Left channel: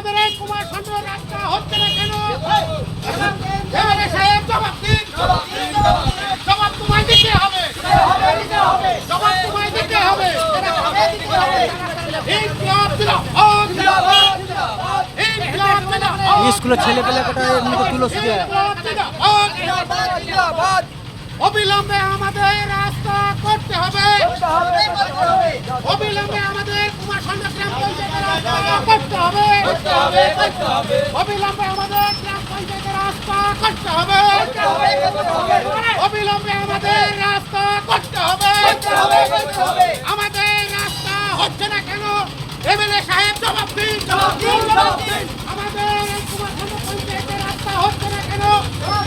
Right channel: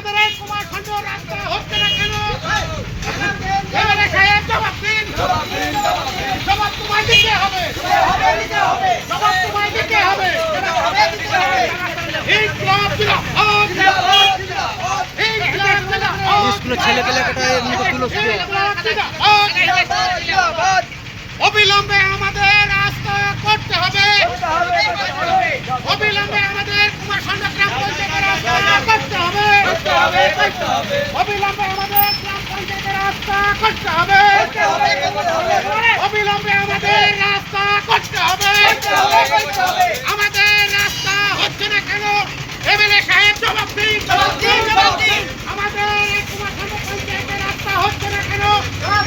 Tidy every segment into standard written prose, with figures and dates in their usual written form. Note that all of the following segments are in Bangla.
আমাদের এই কুমারখন্ড রাস্তা হচ্ছে না কেন? এমএলএ সাহেব জবাব দিন। জবাব তোমায় দিতে হবে। জবাব তোমায় দিতে হবে। ইনকিলাব জিন্দাবাদ। ইনকিলাব জিন্দাবাদ। স্কুলের ছেলেপেলেটা অবিলম্বে আমাদের রাস্তা করতে হবে। অবিলম্বে আমাদের কুমারখন্ড গ্রাম পঞ্চায়েতের রাস্তা করতে হবে। অবিলম্বে আমাদের গ্রাম পঞ্চায়েতের রাস্তা করতে হবে। অবিলম্বে আমাদের রাস্তা করতে হবে। আমাদের রাস্তা হচ্ছে না কেন? এমএলএ সাহেব জবাব দিন। আমাদের এই কুমারখন্ড পঞ্চায়েতের রাস্তা হচ্ছে না কেন?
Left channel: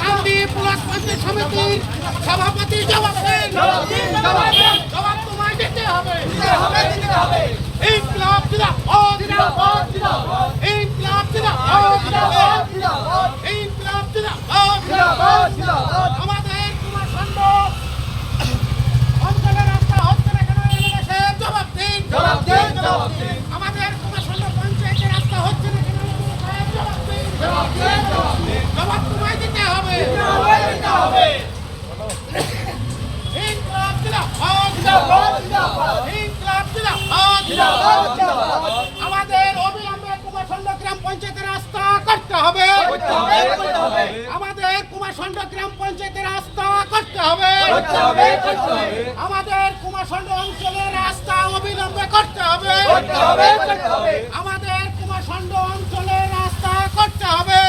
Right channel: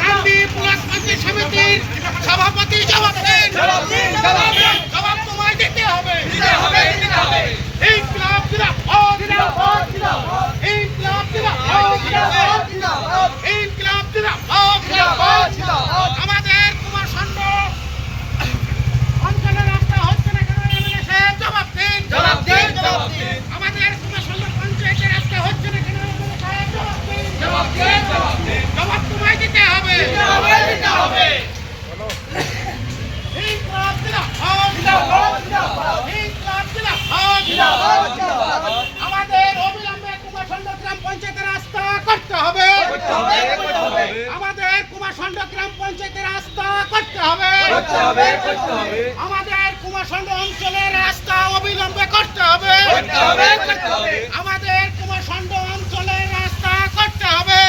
গান্ধী ব্লক পঞ্চায়েত সমিতির সভাপতি জবাব দিন। জবাব তোমায় দিতে হবে। ইনকিলাব জিন্দাবাদ। ইনকিলাব জিন্দাবাদ। ইনকিলাব জিন্দাবাদ। আমাদের কুমারখন্ড অঞ্চলের রাস্তা হচ্ছে না কেন? এমএলএ সাহেব জবাব দিন। আমাদের কুমারখন্ড পঞ্চায়েতের রাস্তা হচ্ছে না কেন? এমএলএ সাহেব জবাব দিন। জবাব তোমায় দিতে হবে। ইনকিলাব জিন্দাবাদ। ইনকিলাব জিন্দাবাদ। আমাদের অবিলম্বে কুমারখন্ড গ্রাম পঞ্চায়েতের রাস্তা করতে হবে। আমাদের কুমারখন্ড গ্রাম পঞ্চায়েতের রাস্তা করতে হবে। আমাদের কুমারখন্ড অঞ্চলের রাস্তা অবিলম্বে করতে হবে। আমাদের কুমারখন্ড অঞ্চলের রাস্তা করতে হবে।